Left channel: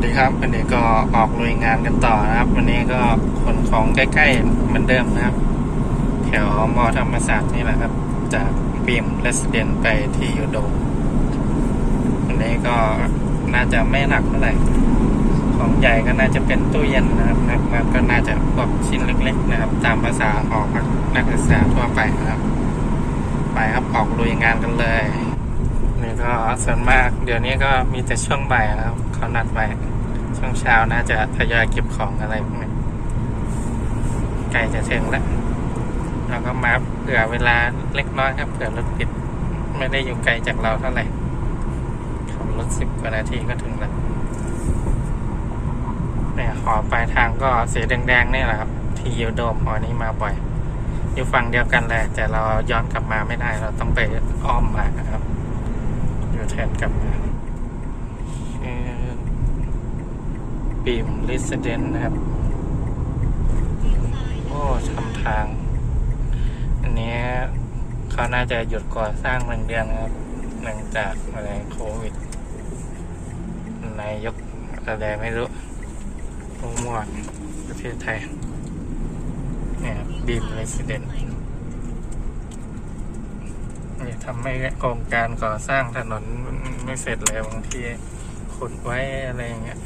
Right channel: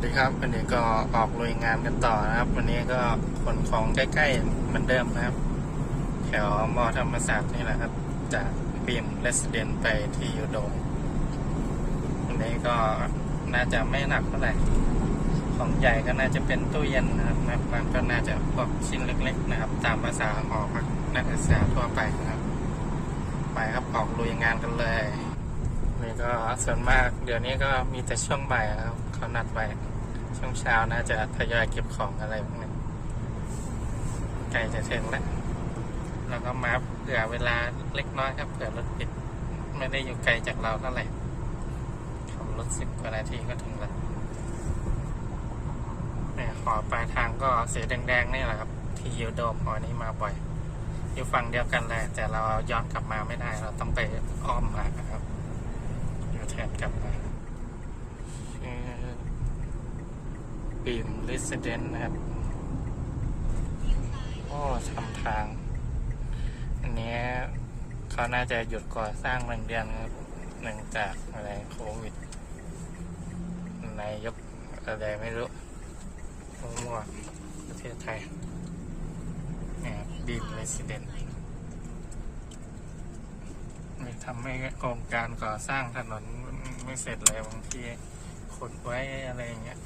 สดีครับวันนี้ก็ออกลุยงานกันต่อนะครับ วันนี้ก็ขนของใกล้ๆเหมือนเดิมนะครับ แถวมอธรรมศาสตร์นี่แหละครับ จากบีมเรสเดนไปที่ยูโดวันนี้ก็น่าจะไม่หนักเท่าไหร่ของใหญ่ก็น่าจะเป็นตู้เย็นนะครับแล้วก็น่าจะพวกชิ้นเล็ก ๆ นะครับ ตามภาษาหอกนักศึกษาทั่วไปนะครับ ไปครับออกลุยงานกันเลย นี่ก็ส่วนมากเดี๋ยวนี้ก็มีแต่ช่วงบ่ายครับเขานัดไว้ช่วงเช้าน่าจะทยอยเก็บของอะไรพวกนี้ใกล้จะถึงแล้วเราก็มาเผื่อเวลาเล็กน้อยครับเผื่อรถติด ไม่ได้อยู่ไกลจากเราเท่าไหร่ขับรถสิบกว่านาทีก็ถึงแล้วเนี่ยหอปลายทางก็สีแดงๆนี่แหละครับที่ยูโดมหอนี้มาบ่อย อยู่ฝั่งเดียวกันแหละแต่เราย้อนกลับมาไม่ได้เราต้องไปอ้อมมานะครับ นกลับมาบีมลิสเดนนะครับ โอ้ทำทาง อันนี้เขาน่าจะหยุดก่อสร้างหนึ่งเดือนนะครับเนื่องจากอะไรโควิดนายกอะไรไม่รู้มั่วๆประเทศไทยเนี่ยบีมเรสเดน ทำให้โครงการก่อสร้างถนนไม่เสร็จเลยบางทีขุดไว้อะไรอย่างเงี้ย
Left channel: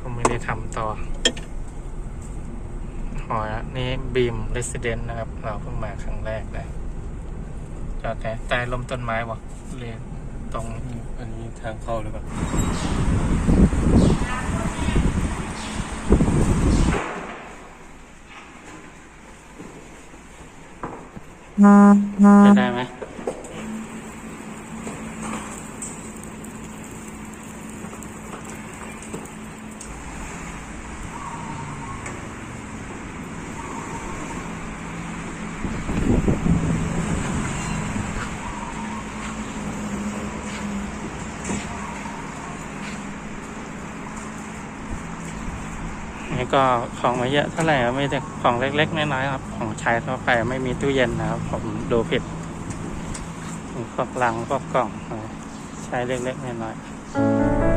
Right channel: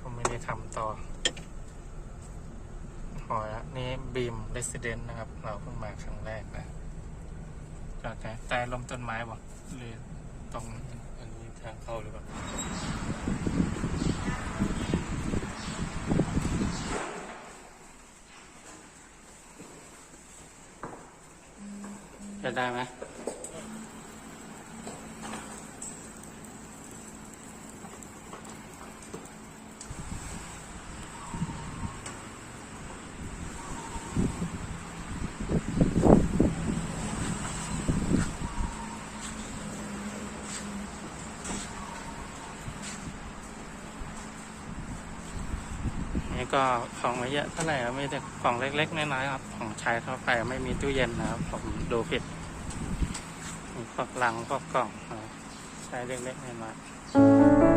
ก็ไม่ได้ทำต่อหอนี่บีมเรสเดนนะครับ เราเพิ่งมาครั้งแรกเลยจอดแค่ใต้ลมต้นไม้วะเรียนตรงอันนี้ทางเข้าหรือเปล่า จะได้ไหม ก็ของไม่เยอะเท่าไหร่ไม่แต่ของเล็กๆน้อยๆครับ ของใช้ทั่วไปไม่มีตู้เย็นนะครับ ผมดูผิดพวกลังพวกกล่องใช้เล็กๆน้อยๆ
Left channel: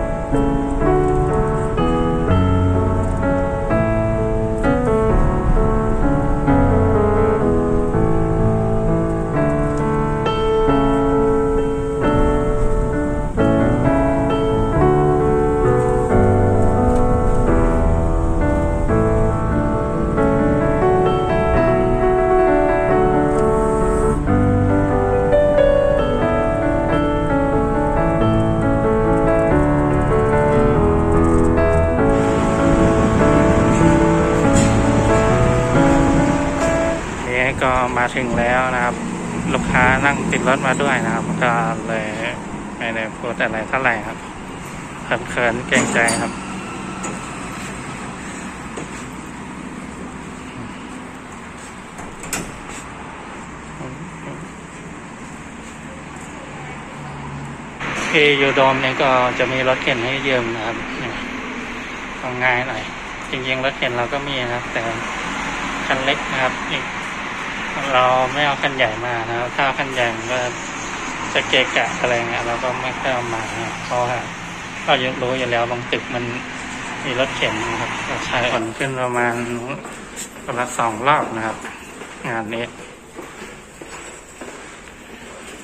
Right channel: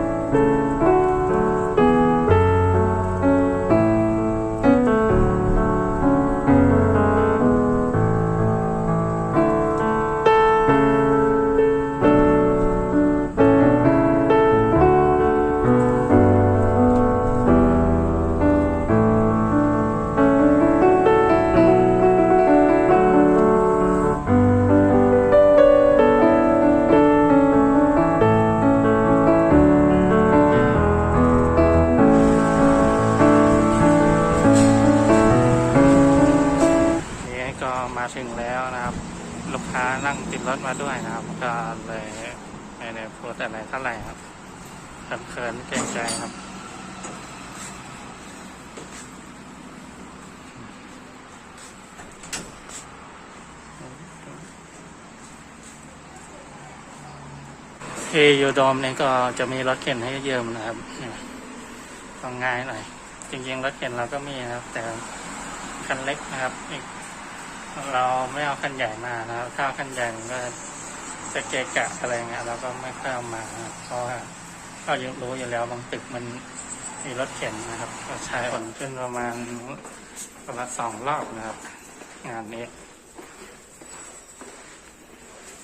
ก็มาถึงแล้วนะครับ ลูกค้านั่งติดรถมาด้วยนะครับ ก็เลยไม่ได้พูดอะไรเท่าไหร่ครับเขินๆเกรงใจครับที่ยูโดมเนี่ยก็จะมีรถเข็นให้ยืมนะครับก็ง่ายหน่อย จริงๆรถเข็นเราก็มีนะครับ แต่คันเล็กนะครับอีก เราไม่เอาคันใหญ่มานะครับถ้าคันใหญ่มันก็จะเกะกะอะไรเงี้ยเราก็ไม่ค่อยเอามาเพราะว่าเรายังรู้อยู่แล้วบางตึกมันมีรถเข็นนะครับก็ใช้ผ่อนขึ้นประมาณประมาณสองรอบนะครับ งานนี้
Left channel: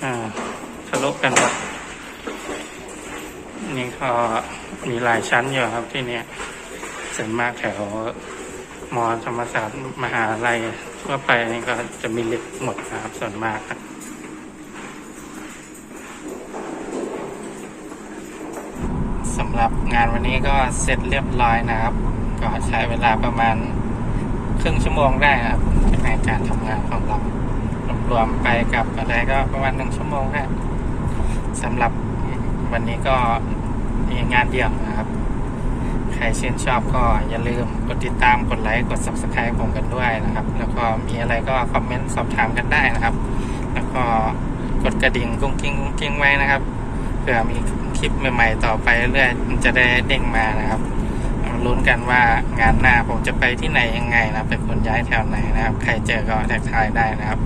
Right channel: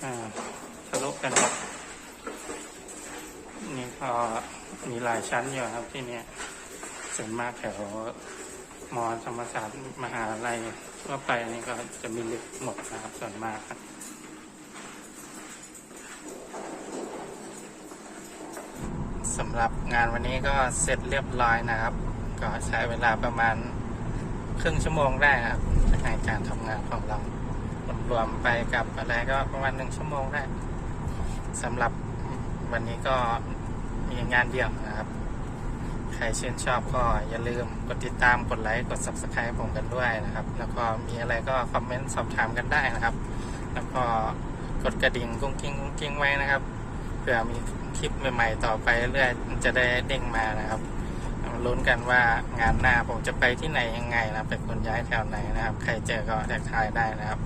อ่าทะลุกันหมดนี่ก็มีหลายชั้นอยู่ครับที่เนี่ยส่วนมากแถว มอธรรมศาสตร์มหาลัยทั่วไปนี่ก็จะมีลิฟต์หมดนะครับส่วนมากครับสำหรับงานวันนี้ก็เสร็จเรียบร้อยนะครับ ก็ใช้เวลาประมาณครึ่งชั่วโมงได้ครับในการทำงานของเรารวมไปกับอะไรก็ประมาณหนึ่งชั่วโมงได้สำหรับวันนี้ก็มีงานเดียวนะครับ ใครชื่นชอบก็อย่าลืมกดติดตามกดไลค์กด subscribe ผมกันด้วยนะครับ แล้วก็มีอะไรก็คอมเมนต์สอบถามกันได้นะครับ แล้วก็กดกระดิ่งกุ้งกิ้งกุ้งกิ้งไว้นะครับเผื่อมีคลิปใหม่ๆต่อไปเรื่อยๆมันจะได้เด้งมานะครับมาลุ้นกันว่างานหน้าผมจะไปที่ไหนยังไงนะเป็นคนย้ายแถวไหนนะครับ ใครเจอก็แท็กทายได้นะครับ